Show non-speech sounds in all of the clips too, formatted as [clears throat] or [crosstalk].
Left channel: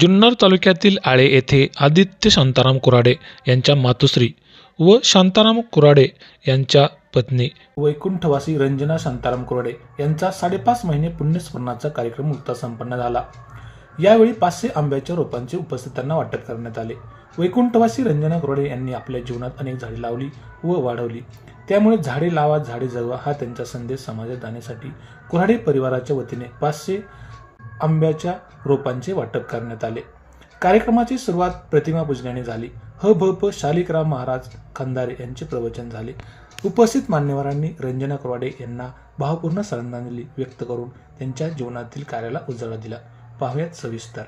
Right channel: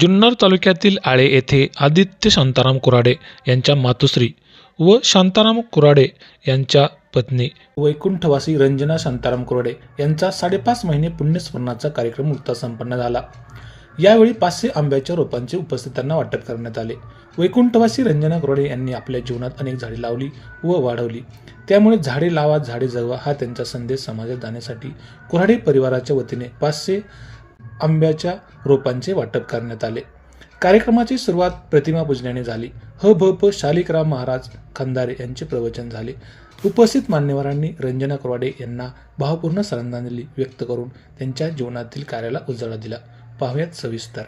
जुन्नर तालुक्यातील आळे येथे आदित्य शांताराम कुराडे यांच्या मातोश्री व शांताराम कुराडे यांच्या पत्नी वैकुंठवासी रंजना शांताराम कुराडे यांचा साडेपाच महिने पुण्यस्मरणाचा कार्यक्रम नुकताच संपन्न झाला. यावेळी पाचशे आंब्याच्या रोपांचे उपस्थितांना वाटप करण्यात आले. वैकुंठवासी रंजना कुराडे यांनी आपल्या जीवनात अनेक झाडे लावली व वाढवली. त्यामुळे झाडे लावा झाडे जगवा हा त्यांचा संदेश समाजात जाण्यासाठी कुऱ्हाडे परिवाराच्या वतीने पाचशे आंब्याच्या रोपांचे वाटप करण्यात आले. कार्यक्रमाची सुरुवात प्रतिमा पूजनाने झाली. ह भ प शालिकराम महाराज खंदारे यांचे प्रवचन झाले. उपस्थित मान्यवरांनी रंजना कुराडे यांना भावपूर्ण श्रद्धांजली व्यक्त करून त्यांच्या जीवनातील कार्याला उजाळा दिला. पाहुयात सविस्तर.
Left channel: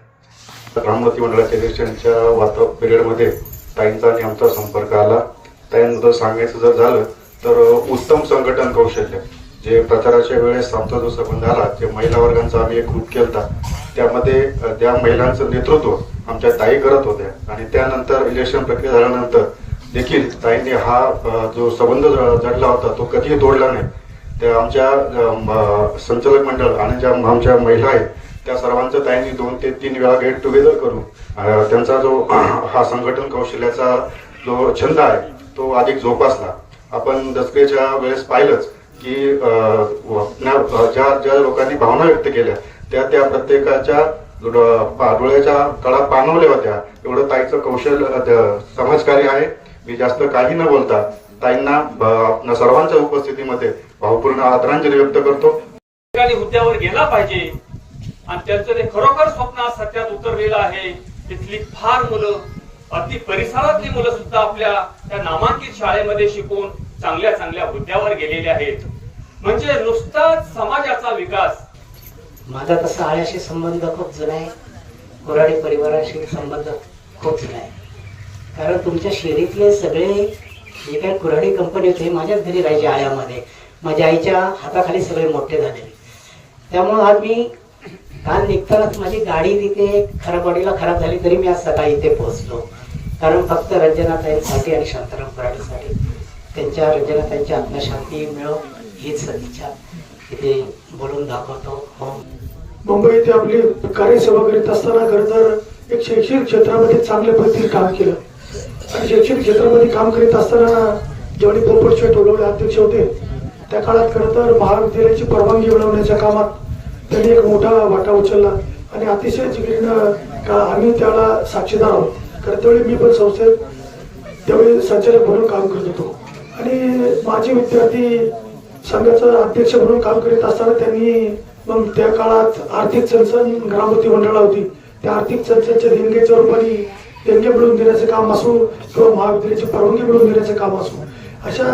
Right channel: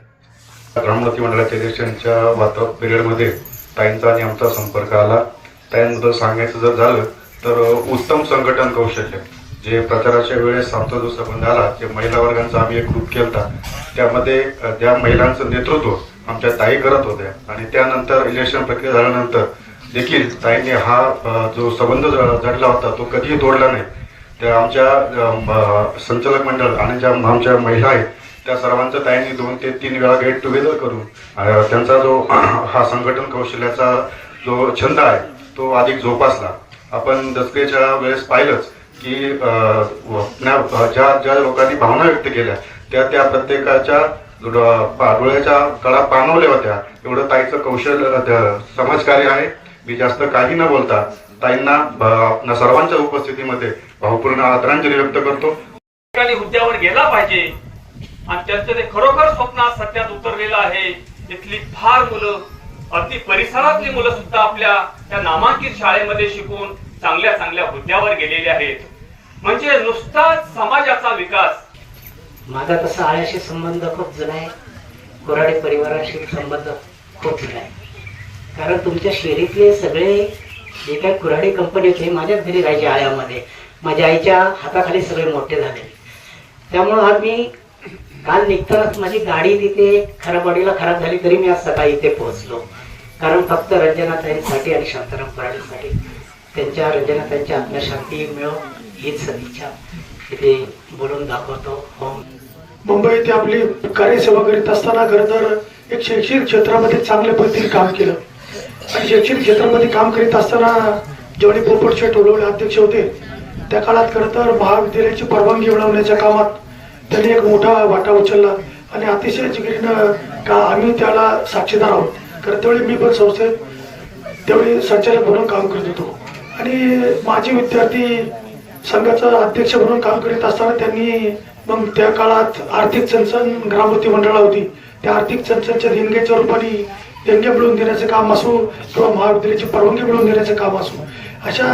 राममती मंडळाच्या इलेक्शनच्या वाता पिरियडमध्ये ताईंचा आणि आमचा संपर्क आला. ताईंबद्दल सांगायचं जर झालं तर उत्तम संघटन कौशल्य जे प्रचाराच्या वेळेस आमचा जो संबंध आला जे महिला वर्गांचा आम्ही एक ग्रुप केलता त्यामध्ये ज्या महिलांचं नेतृत्व आमच्या ताई करत होत्या. आणि त्यानंतर इलेक्शन प्रक्रिया झाल्यानंतर देखील ताईंनी हा जो संबंध जडला होता तो कधीही तोडला नाही. त्या आमच्या संचालक मंडळ आणि ज्या आमच्या महिला आहेत त्या सर्वांचं ताईंनी दोन ते तीन वेळा गेट टुगेदर करून त्यांचा जो [clears throat] हा संघटन कौशल्याचा जो छंद आहे तो अधिक जोपासला. आपण दसऱ्याच्या वेळेस पाहिलंच की ज्या ज्या लोकांनी भावना व्यक्त केल्या त्या त्या प्रत्येकाच्या डोळ्याच्या कळा पाणवल्या होत्या. एवढं ताईचं कौशल्य समाजकार्य आहे. मी जास्त काही न बोलता ताईंना सर्वांच्या उपस्थितीमध्ये भावपूर्ण आदरांजली व्यक्त करतो. हुद्द्यावर गेला पाहिजे. आणि त्यांचं ते खरोखर स्वप्नात सत्यात उतरलेलं आहे. तिथली फार मुलं अगदी परिसरातली मुलं सुद्धा आपल्या त्या नामांकित शाळेमध्ये शिकून चांगल्या चांगल्या हुद्द्यावर गेलेले आहेत. म्हणजे नुसताच समाजाचा विकास माझा तसा आळ्याशी संबंध खूप जुना आहे. कोराडे परिवाराशी संबंध खूप जुना आहे. कारण तुमच्या शेरीतले सगळे जे काही कुऱ्हाडी कंपनी होते माझ्याच घरी राहायचे आळ्यामध्ये. माझ्या आईच्या हाताखाली सगळे मोठे झाले. त्यामुळं आज मी काल निघतानाच माझी गाडी तिथे खराबवाडीला खराब झाली तरी मी आज सकाळी इथे पोहोचलो. कारण फक्त रंजनाताईंसाठी आणि शांताराम कुऱ्हाडीसाठी त्यांच्या रंजनाताईंच्या आत्मशांती मिळो हीच सदिच्छा. इथे बोलून दाखवतो. मुंबई येथे आपली कार्यसेवा करीत असताना खरं तर एक शैक्षणिक क्षेत्रामध्ये चांगल्या पद्धतीने काम केलं. आणि शैक्षणिक क्षेत्रामध्ये काम करीत असताना जेवढे पोपटचे टोलवडे अध्यक्ष होते त्या काळात खरं तर महाविद्यालयाची परवानगी मिळवण्याच्या कामात त्यांनी एक मोठा वाटा उचलला. आणि अतिशय जिगरीनं का आम्ही त्याला साक्षीदार आहोत. खरं त्यावेळी मी पण संस्थेत त्यावेळी संचालक म्हणून काम करत होतो. आणि माझे विद्यार्थी संघाचा अध्यक्ष म्हणून काम करीत असताना त्यांनी मग त्या काळात आर्थिक चणचण ग्रामवती मंडळा होती. त्या आर्थिक चणचणच्या देणग्याच्या रूपाने देणग्या मिळवून देण्याचं काम असो किंवा महाविद्यालयाची परवानगी मिळवून देण्याचं काम असो अशा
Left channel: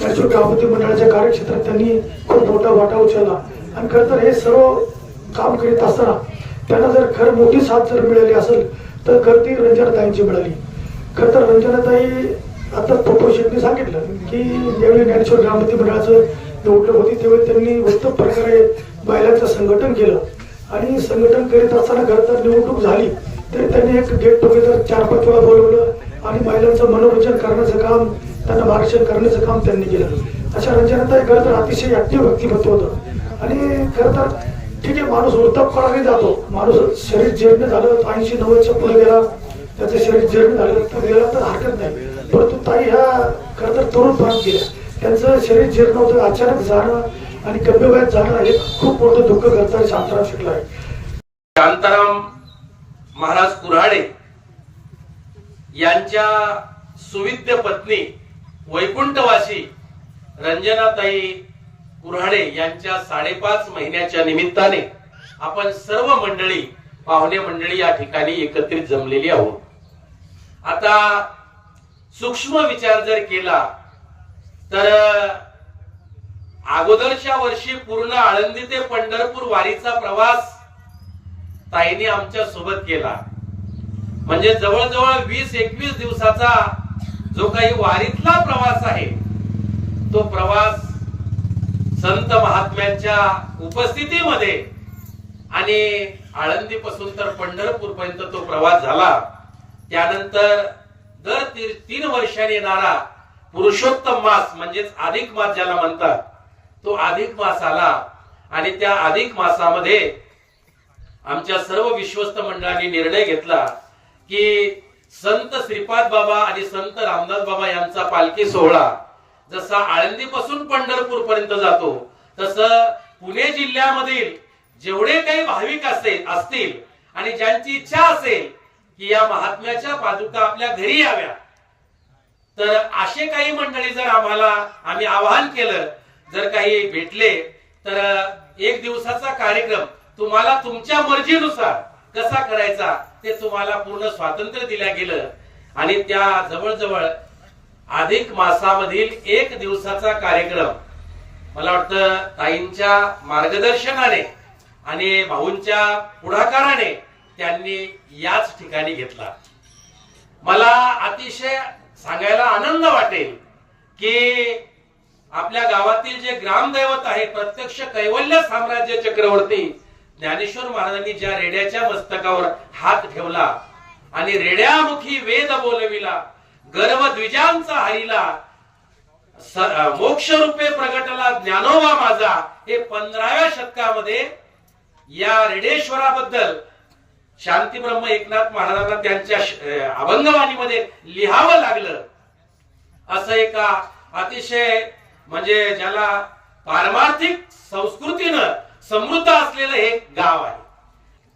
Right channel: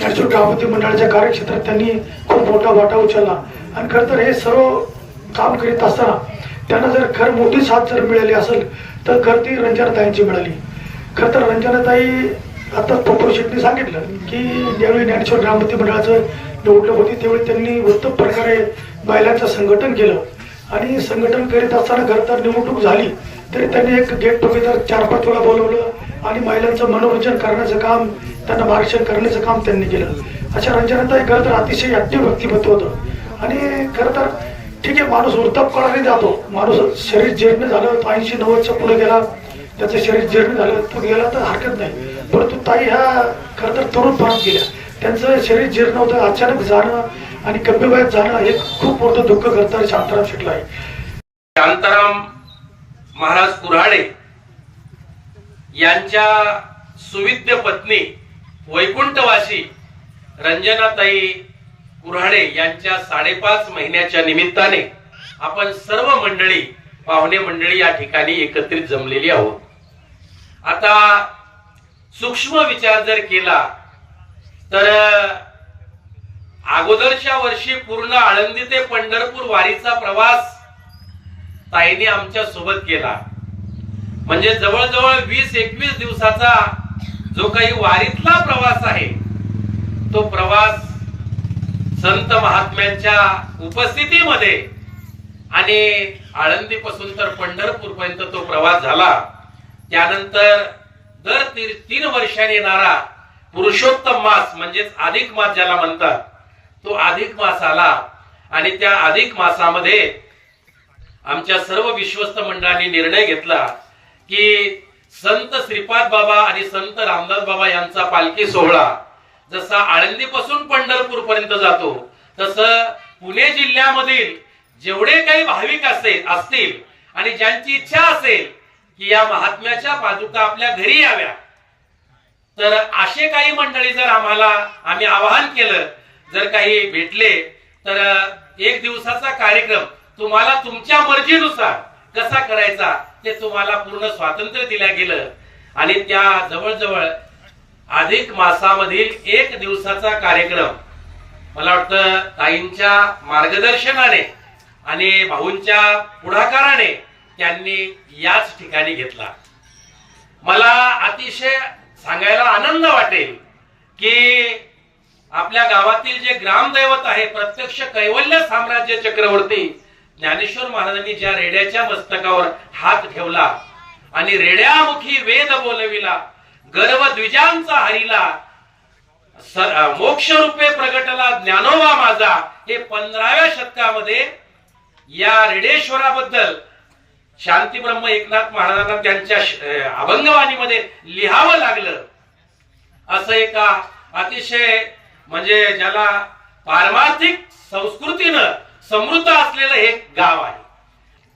नॅशनल ग्रामवती मंडळाच्या कार्यक्षेत्रात त्यांनी खूप मोठा वाटा उचलला. आणि खरं तर हे सर्व काम करीत असताना त्यांना जर खर मोठी साथ जर मिळाली असेल तर खरं ती रंजनाताईंची मिळाली. खरं तर रंजनाताई आता पोपट शेट्टी सांगितलं की ज्यावेळी ज्ञानेश्वर ग्रामपती मंडळाचं निवडणूक होती त्यावेळी त्यांनी उत्तम प्रकारे महिलांचं संघटन केलं. आणि संघटन करीत असताना खरं तर निवडणूक झाली तरी त्यांनी एक गेट टुगेदर चार पाच वेळा बोलवलं आणि महिलांचं मनोरंजन करण्याचं काम त्यांना मार्गदर्शन करण्याचं काम त्यांनी केलं. अशा रंजनाताई खरं तर अतिशय ऍक्टिव्ह व्यक्तिमत्व होतं. आणि खरं तर ठीक आहे माणूस वृत्तपणाने जातो. माणूस शरीर जीर्ण झालं ऐंशी नव्वदच्या पुढे गेला त्याचं शरीर जीर्ण झालं तो गेला तर हरकत नाही. परंतु ताई ह्या खरं तर तरुण तरुणपणात गेल्या. त्यांचं शरीर जीर्ण होतं अचानक जाणं आणि कम्यवयात जाणं हे खूप मोठं दुःख करताना शांताराम शिकला आहे. शांताराम महाराज कुऱ्हाडे यांच्या सुविद्य पत्नी वैकुंठवासी रंजनाताई कुऱ्हाडे यांच्या साडेपाच महिन्याच्या निमित्ताने आपण सर्व मंडळी पाहुणे मंडळी या ठिकाणी एकत्रित जमलेली आहोत. आता सूक्ष्म विचार जर केला तर अगोदरच्या वर्षी पूर्ण आळंदी ते पंढरपूर वारीचा प्रवास ताईने आमच्यासोबत केला. म्हणजे जवळजवळ वीस एकवीस दिवसाचा जो काही वारीतला प्रवास आहे तो प्रवास संत महात्म्यांच्या उपस्थितीमध्ये आणि आळंदीपासून तर पंढरपूर पर्यंत तो प्रवास झाला. त्यानंतर दर ती- तीन वर्षांनी येणारा पुरुषोत्तम मास म्हणजेच अधिक मास ज्याला म्हणतात तो अधिक मास आला आणि त्या अधिक मासामध्ये आमच्या सर्व विश्वस्त मंडळांनी निर्णय घेतला की संत श्रीपाद बाबा आणि संत रामदास बाबा यांचा पालखी सोहळा जसा आळंदीपासून पंढरपूर पर्यंत जातो तसं पुणे जिल्ह्यामधील जेवढे काही भाविक असेल असतील आणि ज्यांची इच्छा असेल की या महात्म्याच्या पादुका आपल्या घरी याव्या. तर असे काही मंडळी जर आम्हाला आम्ही आवाहन केलं जर काही भेटले तर एक दिवसाचा कार्यक्रम तुम्हाला तुमच्या मर्जीनुसार कसा करायचा ते तुम्हाला पूर्ण स्वातंत्र्य दिलं गेलं. आणि त्या जवळजवळ अधिक मासामधील एक दिवसाचा कार्यक्रम मला वाटतं ताईंच्या मार्गदर्शनाने आणि भाऊंच्या पुढाकाराने त्यांनी याच ठिकाणी घेतला. मला अतिशय सांगायला आनंद वाटेल की आपल्या गावातील जे ग्रामदैवत आहे प्रत्यक्ष कैवल्य साम्राज्य चक्रवर्ती ज्ञानेश्वर महाराजांनी ज्या रेड्याच्या मस्तकावर हात ठेवला आणि रेड्यामुखी वेद बोलविला गर्व द्विजांचा हरिला मोक्ष रूपे प्रगटला ज्ञानोबा माझा हे पंधराव्या शतकामध्ये या रेडेश्वराबद्दल शांती ब्रह्म एकनाथ महाराजांना त्यांच्या अभंगवाणीमध्ये लिहावं लागलं. असं एका अतिशय म्हणजे ज्याला पारमार्थिक संस्कृतीनं समृद्ध असलेलं हे गाव आहे.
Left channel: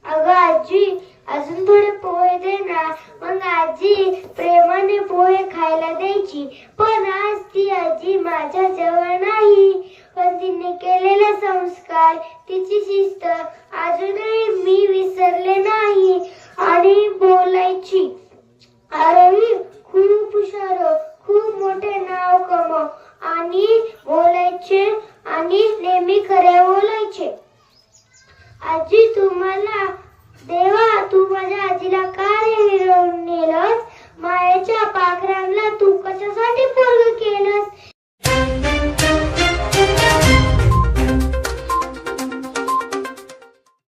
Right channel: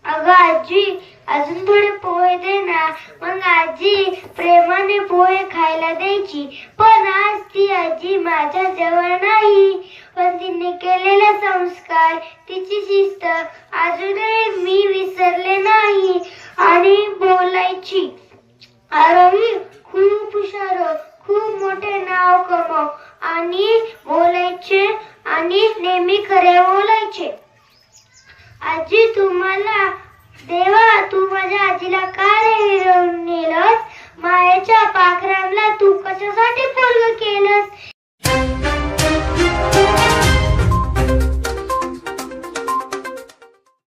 अगं आजी अजून थोडे पोहे दे ना. मग आजी प्रेमाने पोहे खायला द्यायची. पण आज ती आजी माझ्या जवळ नाही. पण तिने केलेला संस्कार तिची शिस्त अजूनही मी विसरले नाही. आणि बोलायची. तू माझ्या आजीला का नेलं नेलस? मायाच्या पाखरांना तू कशासाठी फॉलो केलंस?